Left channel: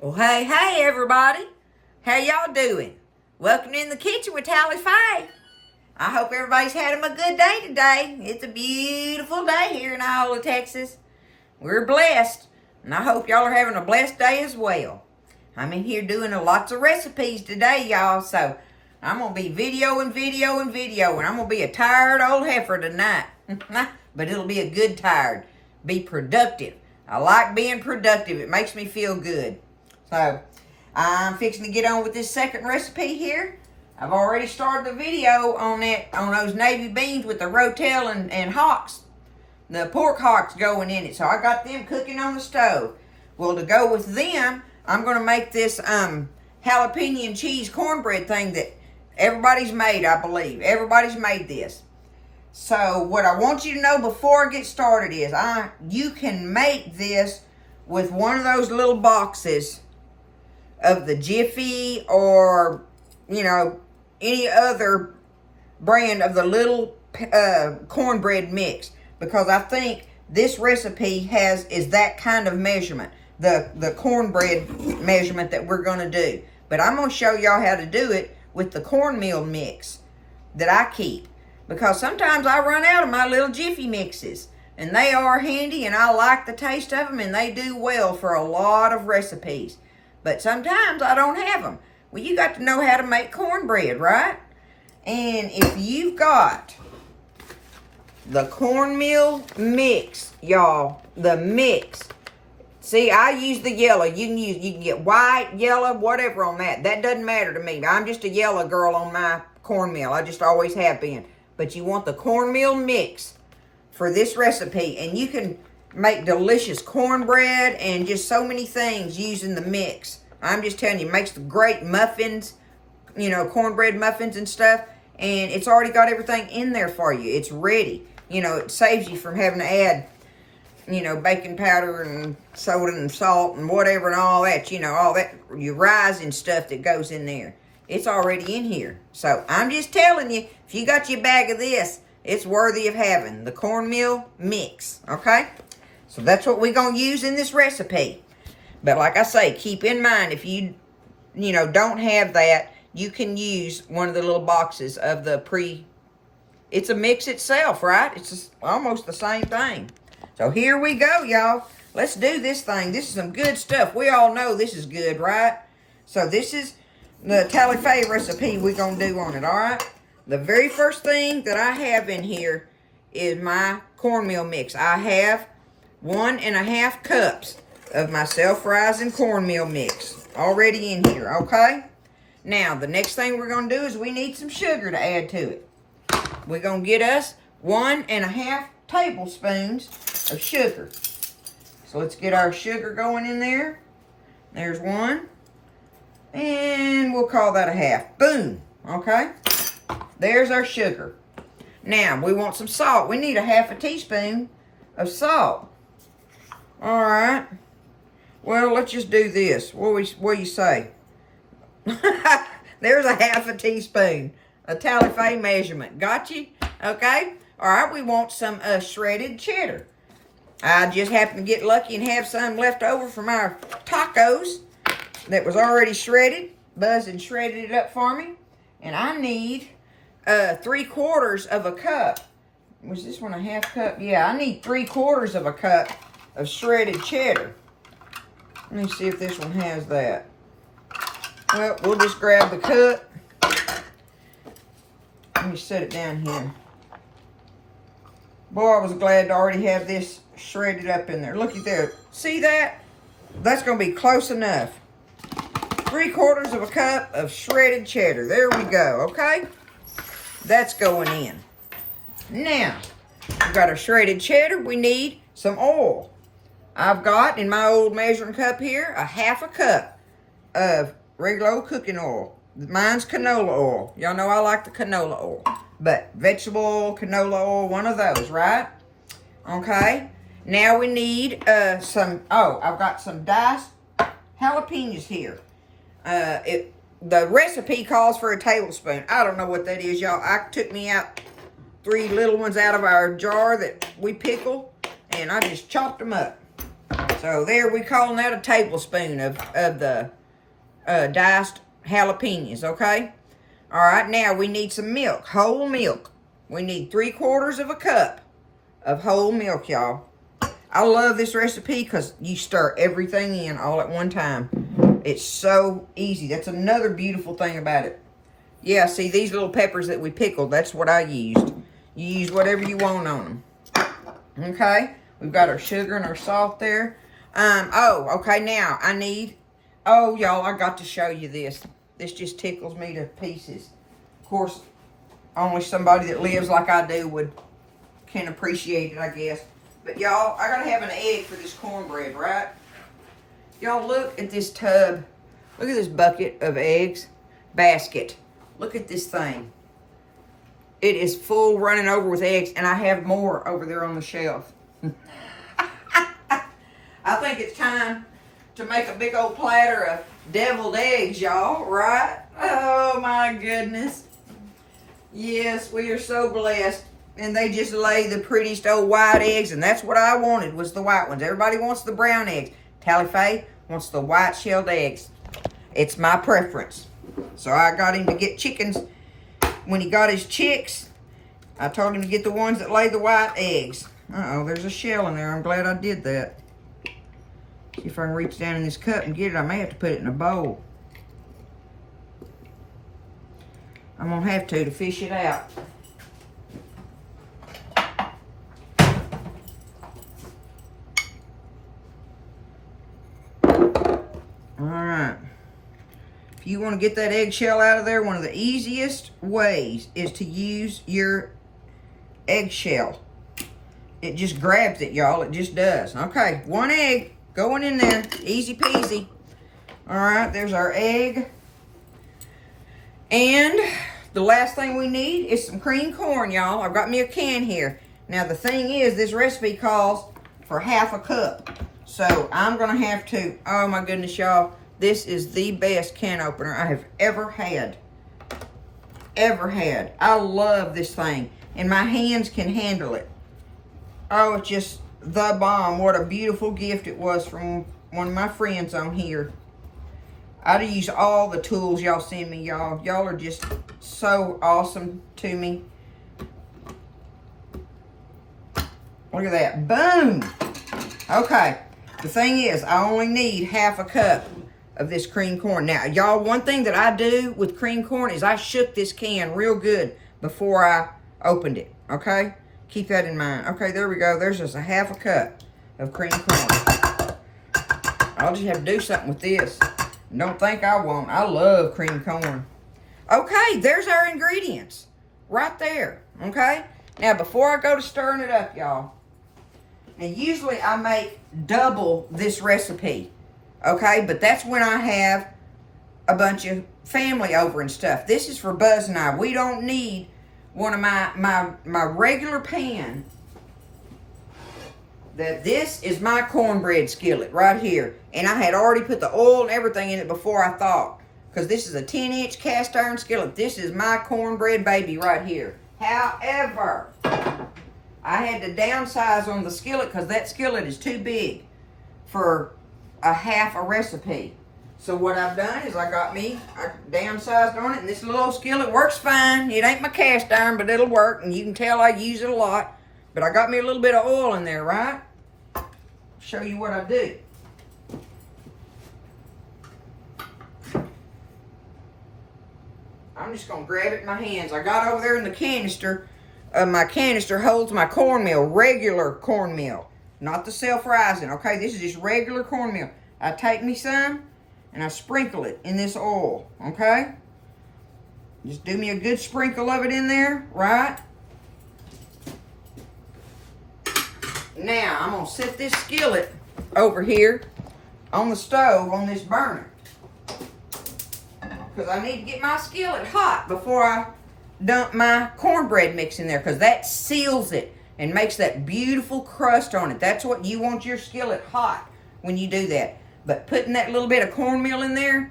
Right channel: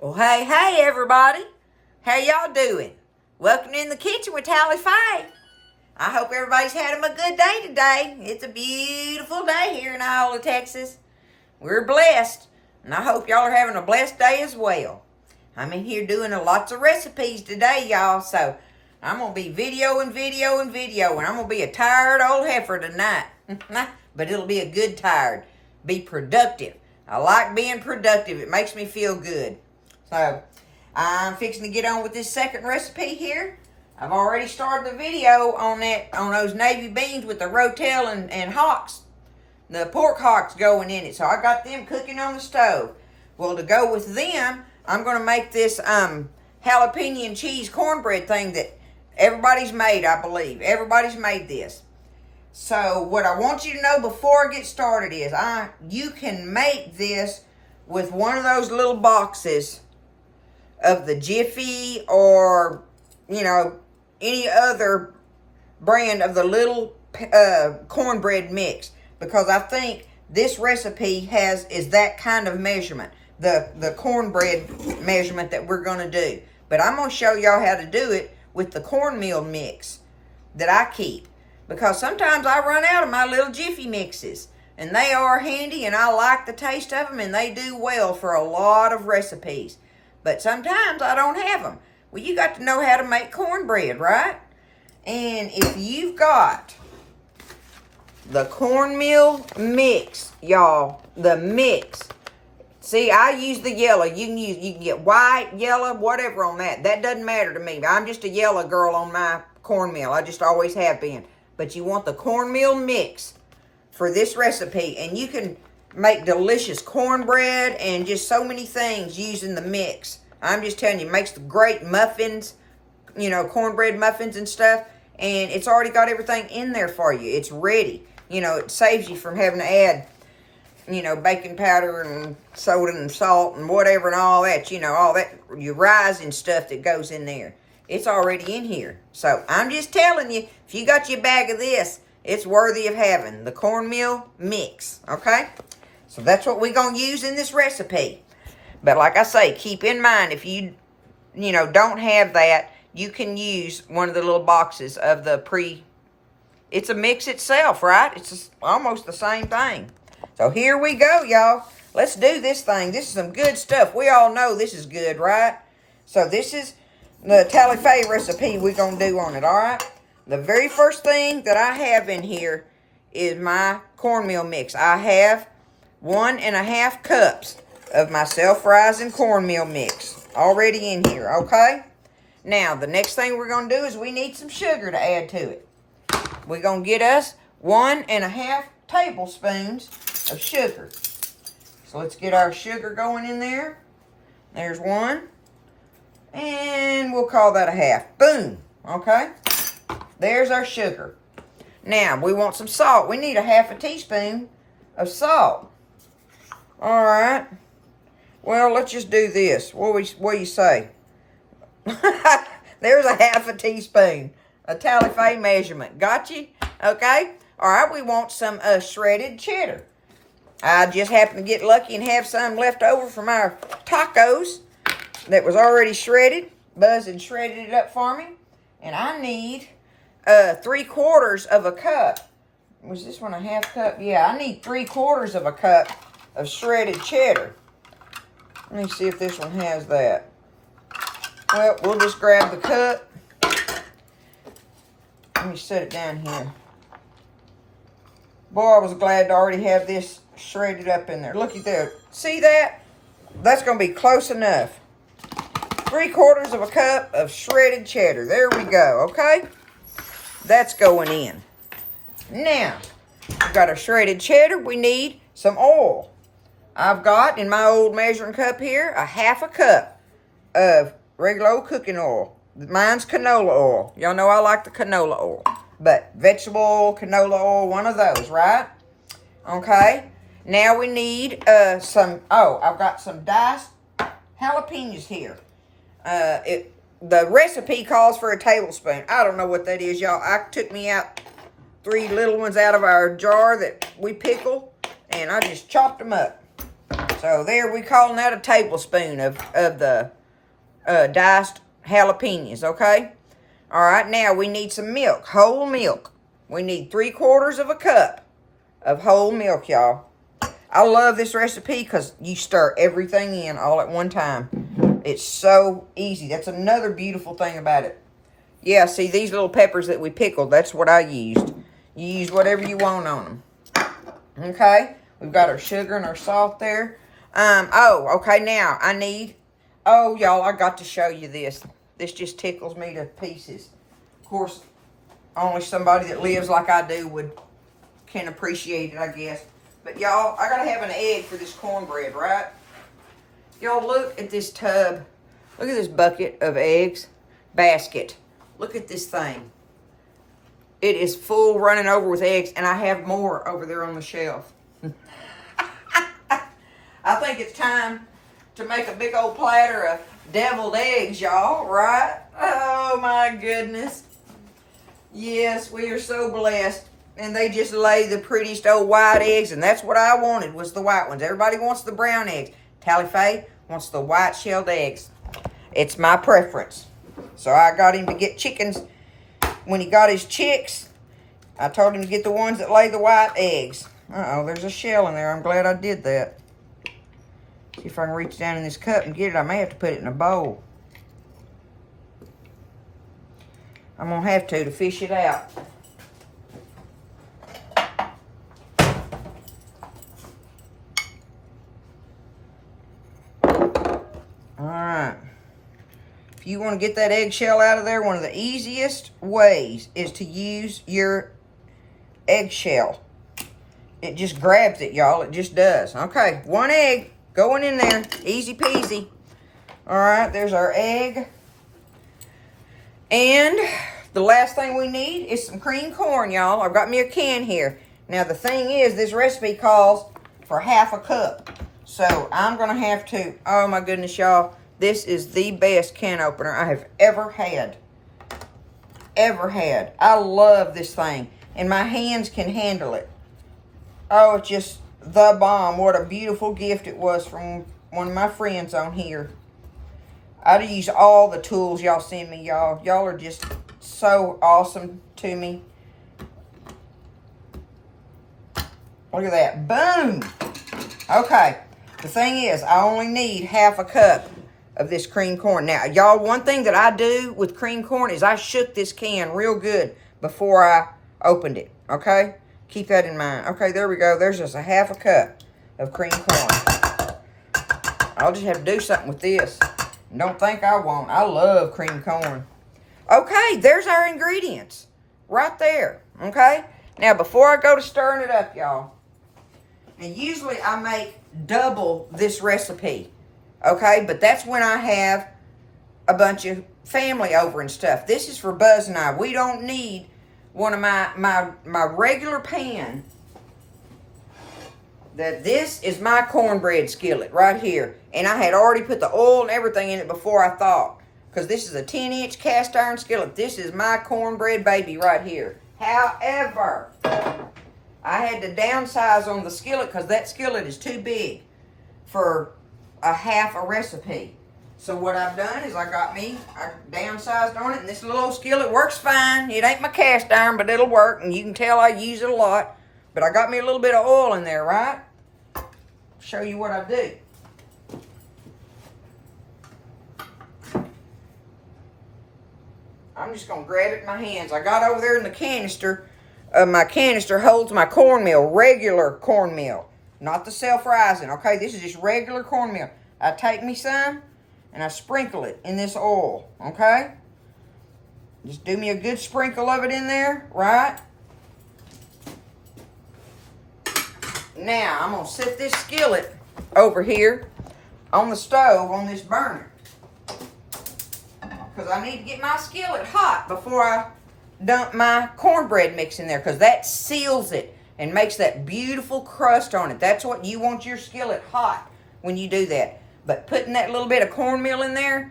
Well, hey, everybody. How y'all doing? Welcome in the kitchen with Tally Faye. I hope everybody's having a good day today. It's a beautiful day here in Iowa, Texas. We're blessed, and I hope y'all are having a blessed day as well. I'm in here doing lots of recipes today, y'all, so I'm going to be videoing, and I'm going to be a tired old heifer tonight. But it'll be a good tired. Be productive. I like being productive. It makes me feel good. So, I'm fixing to get on with this second recipe here. I've already started the video on those navy beans with the rotel and hocks. The pork hocks going in it. So, I got them cooking on the stove. Well, to go with them, I'm going to make this jalapeno and cheese cornbread thing that everybody's made, I believe. Everybody's made this. So, what I want you to know before I get started is you can make this with one of those little boxes of the Jiffy or, any other brand of the little cornbread mix. Because I think this recipe is that kind of measurement. The cornbread measurement that we're going to do. But I'm going to show y'all how to do it with the cornmeal mix that I keep. Because sometimes I run out of my little Jiffy mixes. And they are handy and I like the taste of them and they do well for a lot of recipes. But sometimes I don't have them. Well, you got to know how to make cornbread, right? And if you've got the cornmeal mix, y'all, the mix. See, I use the yellow. You can get white, yellow, whatever on that. That doesn't matter to me. I'm just a yellow girl on my cornmeal. I just always have been. But you want the cornmeal mix for this recipe. And you can make delicious cornbread and just so many things using the mix. I'm just telling you, it makes great muffins, cornbread muffins and stuff. And it's already got everything in there for you. It's ready. It saves you from having to add, baking powder and soda and salt and whatever and all that. All that, your rising stuff that goes in there. It's already in here. So I'm just telling you, if you got your bag of this, it's worthy of having. The cornmeal mix, okay? So that's what we're going to use in this recipe. But like I say, keep in mind, if you don't have that, you can use one of the little boxes of the it's a mix itself, right? It's just almost the same thing. So here we go, y'all. Let's do this thing. This is some good stuff. We all know this is good, right? So this is the Tally Faye recipe we're going to do on it, all right? The very first thing that I have in here is my cornmeal mix. I have 1.5 cups of my self-rising cornmeal mix already in here, okay? Now, the next thing we're going to do is we need some sugar to add to it. We're going to get us 1.5 tablespoons of sugar. So let's get our sugar going in there. There's one. And we'll call that a half. Boom. Okay? There's our sugar. Now, we want some salt. We need 1/2 teaspoon of salt. All right. Well, let's just do this. What do you say? There's 1/2 teaspoon. A Tally Faye measurement. Got you? Okay? All right, we want some shredded cheddar. I just happened to get lucky and have some left over from our tacos that was already shredded. Buzz and shredded it up for me. And I need 3/4 of a cup. Was this one a 1/2 cup? Yeah, I need 3/4 of a cup of shredded cheddar. Let me see if this one has that. Well, we'll just grab the cup. Let me set it down here. Boy, I was glad to already have this shredded up in there. Looky there. See that? That's going to be close enough. 3/4 of a cup of shredded cheddar. There we go, okay? That's going in. Now, we've got our shredded cheddar. We need some oil. I've got, in my old measuring cup here, 1/2 cup of regular old cooking oil. Mine's canola oil. Y'all know I like the canola oil. But vegetable oil, canola oil, one of those, right? Okay. Now we need I've got some diced jalapenos here. The recipe calls for a tablespoon. I don't know what that is, y'all. I took me out 3 little ones out of our jar that we pickle, and I just chopped them up. So there, we calling that a tablespoon of the diced jalapenos, okay? All right, now we need some milk, whole milk. We need 3/4 of a cup of whole milk, y'all. I love this recipe because you stir everything in all at one time. It's so easy. That's another beautiful thing about it. Yeah, see, these little peppers that we pickled, that's what I used. You use whatever you want on them. Okay, we've got our sugar and our salt there. Okay, now I need, y'all, I got to show you this. This just tickles me to pieces. Of course, only somebody that lives like I do can appreciate it, I guess. But y'all, I gotta have an egg for this cornbread, right? Y'all, look at this tub. Look at this bucket of eggs. Basket. Look at this thing. It is full, running over with eggs, and I have more over there on the shelf. I think it's time to make a big old platter of deviled eggs, y'all, right? Oh, my goodness. Yes, we are so blessed. And they just lay the prettiest old white eggs, and that's what I wanted, was the white ones. Everybody wants the brown eggs. Tally Faye wants the white shelled eggs. It's my preference. So I got him to get chickens. When he got his chicks, I told him to get the ones that lay the white eggs. Uh-oh, there's a shell in there. I'm glad I did that. See if I can reach down in this cup and get it. I may have to put it in a bowl. I'm going to have to fish it out. Alright. If you want to get that eggshell out of there, one of the easiest ways is to use your eggshell. It just grabs it, y'all. It just does. Okay, one egg going in there. Easy peasy. Alright, there's our egg. And the last thing we need is some cream corn, y'all. I've got me a can here. Now, the thing is, this recipe calls for 1/2 cup. So, I'm going to have to, oh my goodness, y'all. This is the best can opener I have ever had. I love this thing. And my hands can handle it. Oh, it's just the bomb. What a beautiful gift it was from one of my friends on here. I'd use all the tools y'all send me, y'all. Y'all are just so awesome to me. Look at that. Boom! Okay. The thing is, I only need 1/2 cup of this cream corn. Now, y'all, one thing that I do with cream corn is I shook this can real good before I opened it. Okay? Keep that in mind. Okay, there we go. There's just 1/2 cup of cream corn. I'll just have to do something with this. Don't think I won't. I love cream corn. Okay, there's our ingredients. Right there. Okay? Now, before I go to stirring it up, y'all. And usually I make double this recipe. Okay? But that's when I have a bunch of family over and stuff. This is for Buzz and I. We don't need one of my regular pan. This is my cornbread skillet right here. And I had already put the oil and everything in it before I thought. Because this is a 10-inch cast iron skillet. This is my cornbread baby right here. However, I had to downsize on the skillet because that skillet is too big for a 1/2 recipe. So what I've done is I downsized on it, and this little skillet works fine. It ain't my cast iron, but it'll work, and you can tell I use it a lot. But I got me a little bit of oil in there, right? Show you what I do. I'm just going to grab it in my hands. I got over there in the canister. My canister holds my cornmeal, regular cornmeal. Not the self-rising, okay? This is just regular cornmeal. I take me some, and I sprinkle it in this oil, okay? Just do me a good sprinkle of it in there, right? Now, I'm going to set this skillet over here on the stove on this burner. Because I need to get my skillet hot before I dump my cornbread mix in there. Because that seals it and makes that beautiful crust on it. That's what you want your skillet hot when you do that. But putting that little bit of cornmeal in there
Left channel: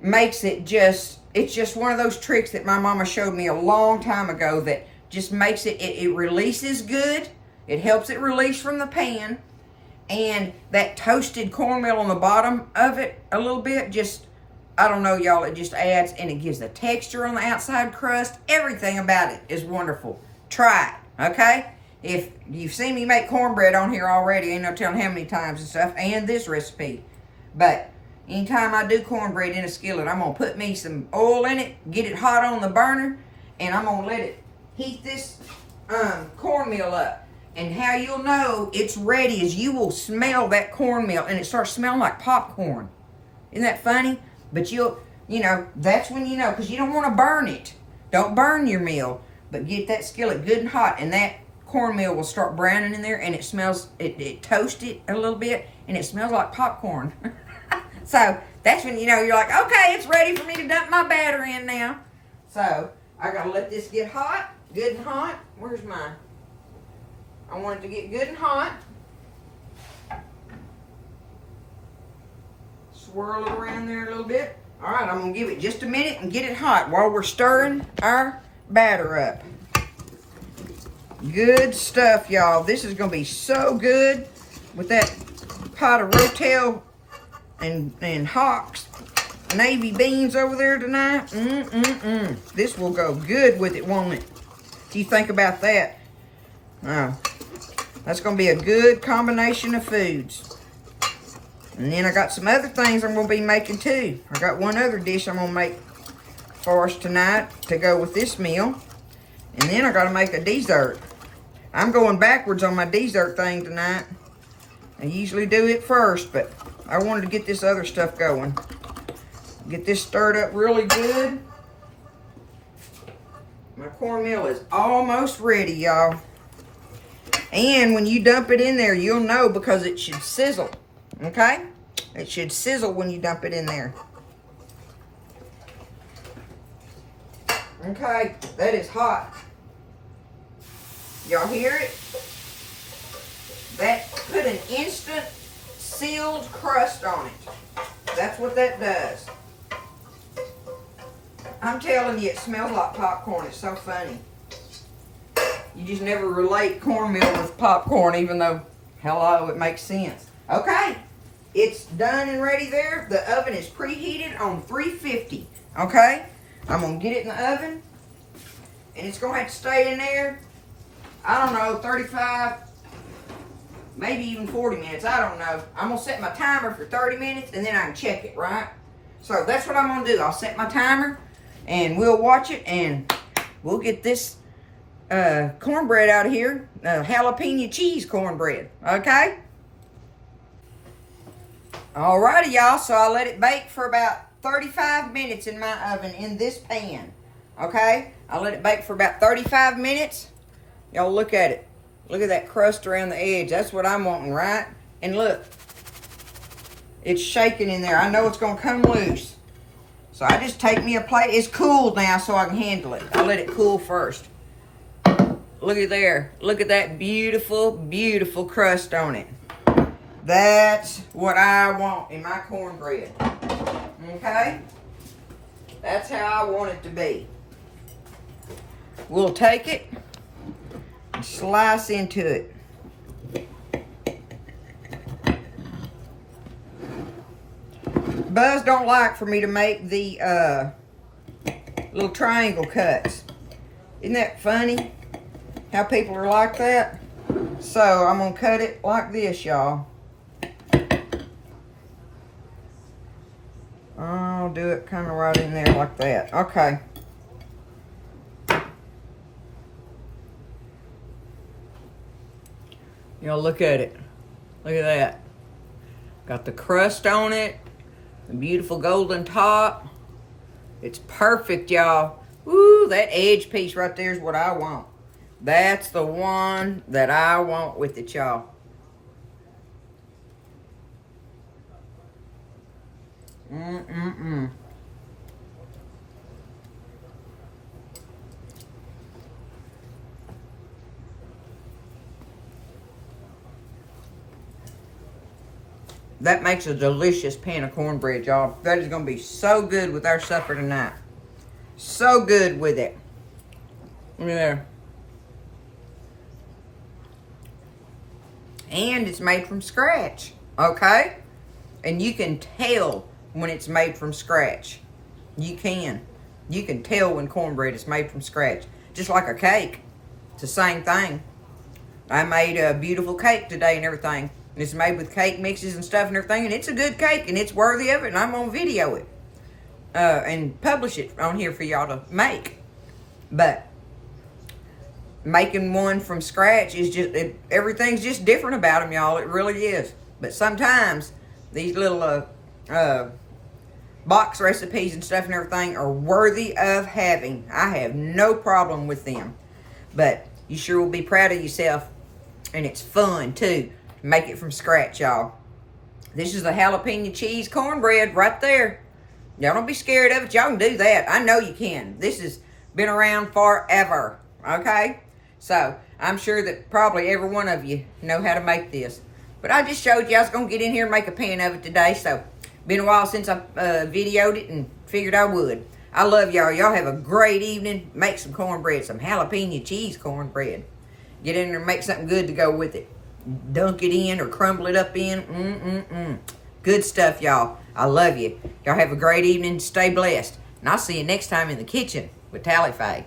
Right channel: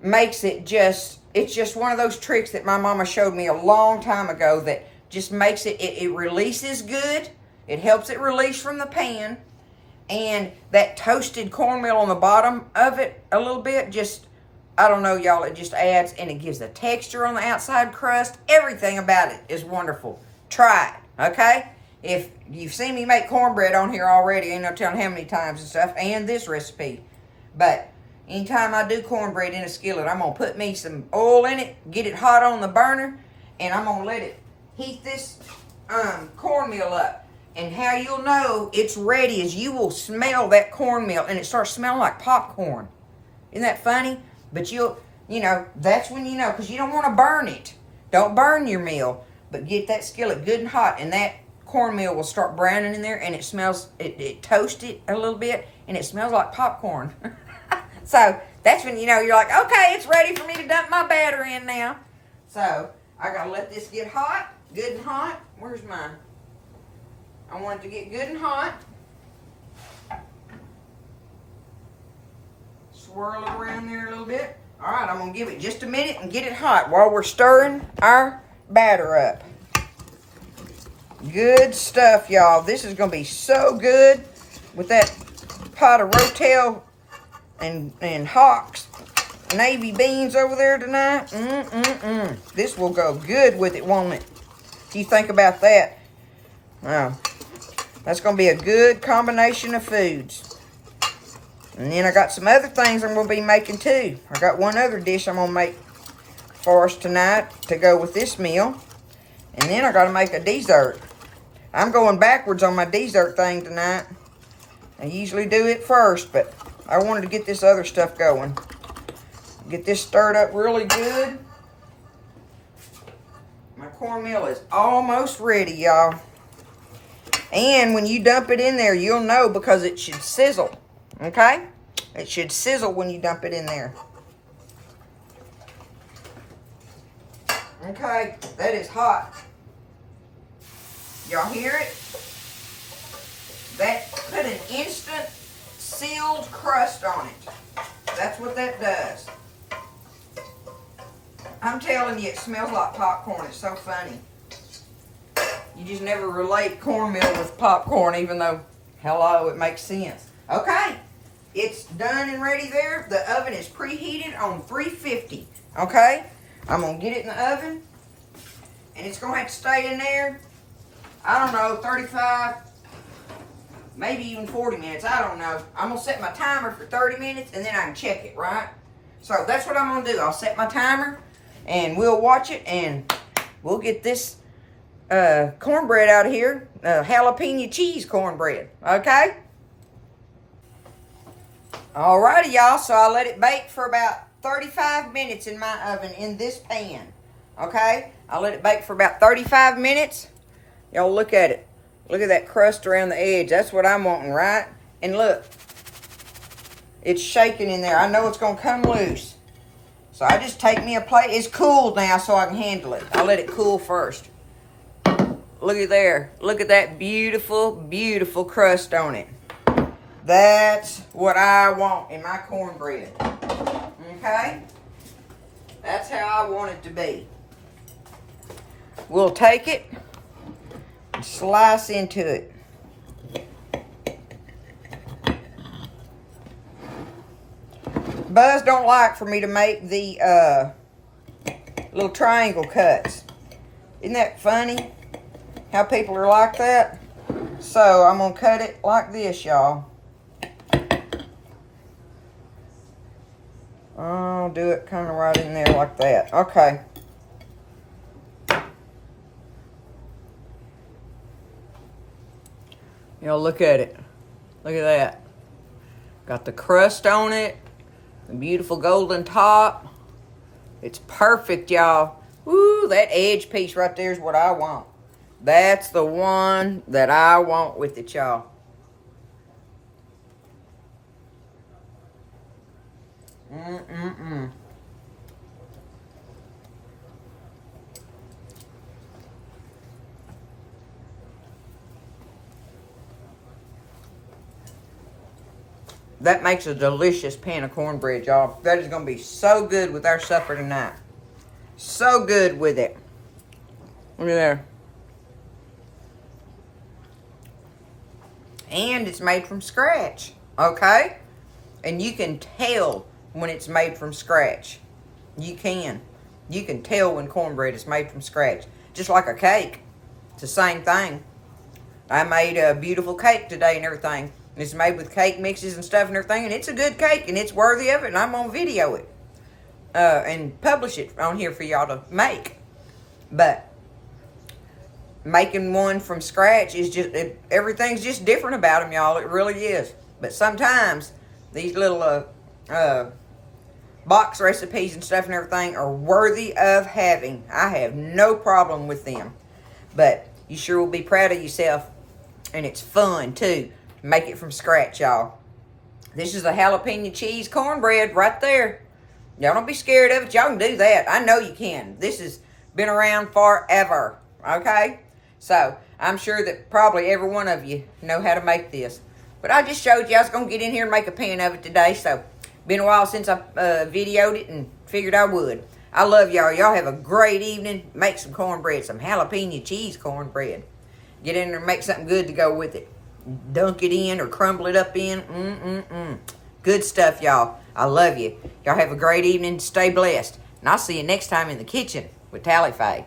makes it it's just one of those tricks that my mama showed me a long time ago that just makes it releases good. It helps it release from the pan. And that toasted cornmeal on the bottom of it a little bit, just, I don't know, y'all, it just adds, and it gives a texture on the outside crust. Everything about it is wonderful. Try it, okay? If you've seen me make cornbread on here already, ain't no telling how many times and stuff, and this recipe. But anytime I do cornbread in a skillet, I'm going to put me some oil in it, get it hot on the burner, and I'm going to let it heat this cornmeal up. And how you'll know it's ready is you will smell that cornmeal, and it starts smelling like popcorn. Isn't that funny? But you know, that's when you know, because you don't want to burn it. Don't burn your meal, but get that skillet good and hot, and that cornmeal will start browning in there, and it smells, it toasts it a little bit, and it smells like popcorn. So that's when you know you're like, okay, it's ready for me to dump my batter in now. So I gotta let this get hot, good and hot. Where's mine? I want it to get good and hot. Swirl it around there a little bit. All right, I'm gonna give it just a minute and get it hot while we're stirring our batter up. Good stuff, y'all. This is gonna be so good with that pot of rotel and Hawks navy beans over there tonight. This will go good with it, won't it? What do you think about that? Wow. That's going to be a good combination of foods. And then I got some other things I'm going to be making too. I got one other dish I'm going to make for us tonight to go with this meal. And then I got to make a dessert. I'm going backwards on my dessert thing tonight. I usually do it first, but I wanted to get this other stuff going. Get this stirred up really good. My cornmeal is almost ready, y'all. And when you dump it in there, you'll know because it should sizzle, okay? It should sizzle when you dump it in there. Okay, that is hot. Y'all hear it? That put an instant sealed crust on it. That's what that does. I'm telling you, it smells like popcorn. It's so funny. You just never relate cornmeal with popcorn, even though, hello, it makes sense. Okay, it's done and ready there. The oven is preheated on 350, okay? I'm going to get it in the oven, and it's going to have to stay in there, I don't know, 35, maybe even 40 minutes. I don't know. I'm going to set my timer for 30 minutes, and then I can check it, right? So that's what I'm going to do. I'll set my timer, and we'll watch it, and we'll get this cornbread out of here, jalapeno cheese cornbread, okay? Alrighty, y'all, so I let it bake for about 35 minutes in my oven in this pan, okay? I let it bake for about 35 minutes. Y'all look at it. Look at that crust around the edge. That's what I'm wanting, right? And look, it's shaking in there. I know it's going to come loose. So I just take me a plate. It's cooled now so I can handle it. I'll let it cool first. Look at there. Look at that beautiful, beautiful crust on it. That's what I want in my cornbread. Okay? That's how I want it to be. We'll take it and slice into it. Buzz don't like for me to make the little triangle cuts. Isn't that funny? How people are like that? So I'm going to cut it like this, y'all. I'll do it kind of right in there like that. Okay. Y'all look at it. Look at that. Got the crust on it. The beautiful golden top. It's perfect, y'all. Woo, that edge piece right there is what I want. That's the one that I want with it, y'all. That makes a delicious pan of cornbread, y'all. That is going to be so good with our supper tonight. So good with it. Look at there. and it's made from scratch, okay? And you can tell when it's made from scratch. You can tell when cornbread is made from scratch. Just like a cake. It's the same thing. I made a beautiful cake today and everything. It's made with cake mixes and stuff and everything. And it's a good cake and it's worthy of it. And I'm going to video it. And publish it on here for y'all to make. But making one from scratch is just, everything's just different about them, y'all. It really is. But sometimes these little box recipes and stuff and everything are worthy of having. I have no problem with them. But you sure will be proud of yourself. And it's fun, too. Make it from scratch, y'all. This is the jalapeno cheese cornbread right there. Y'all don't be scared of it. Y'all can do that. I know you can. This has been around forever. Okay? So, I'm sure that probably every one of you know how to make this. But I just showed you I was going to get in here and make a pan of it today. So, been a while since I videoed it and figured I would. I love y'all. Y'all have a great evening. Make some cornbread, some jalapeno cheese cornbread. Get in there and make something good to go with it. Dunk it in or crumble it up in. Good stuff, y'all. I love you. Y'all have a great evening. Stay blessed. And I'll see you next time in the kitchen with Tally Faye.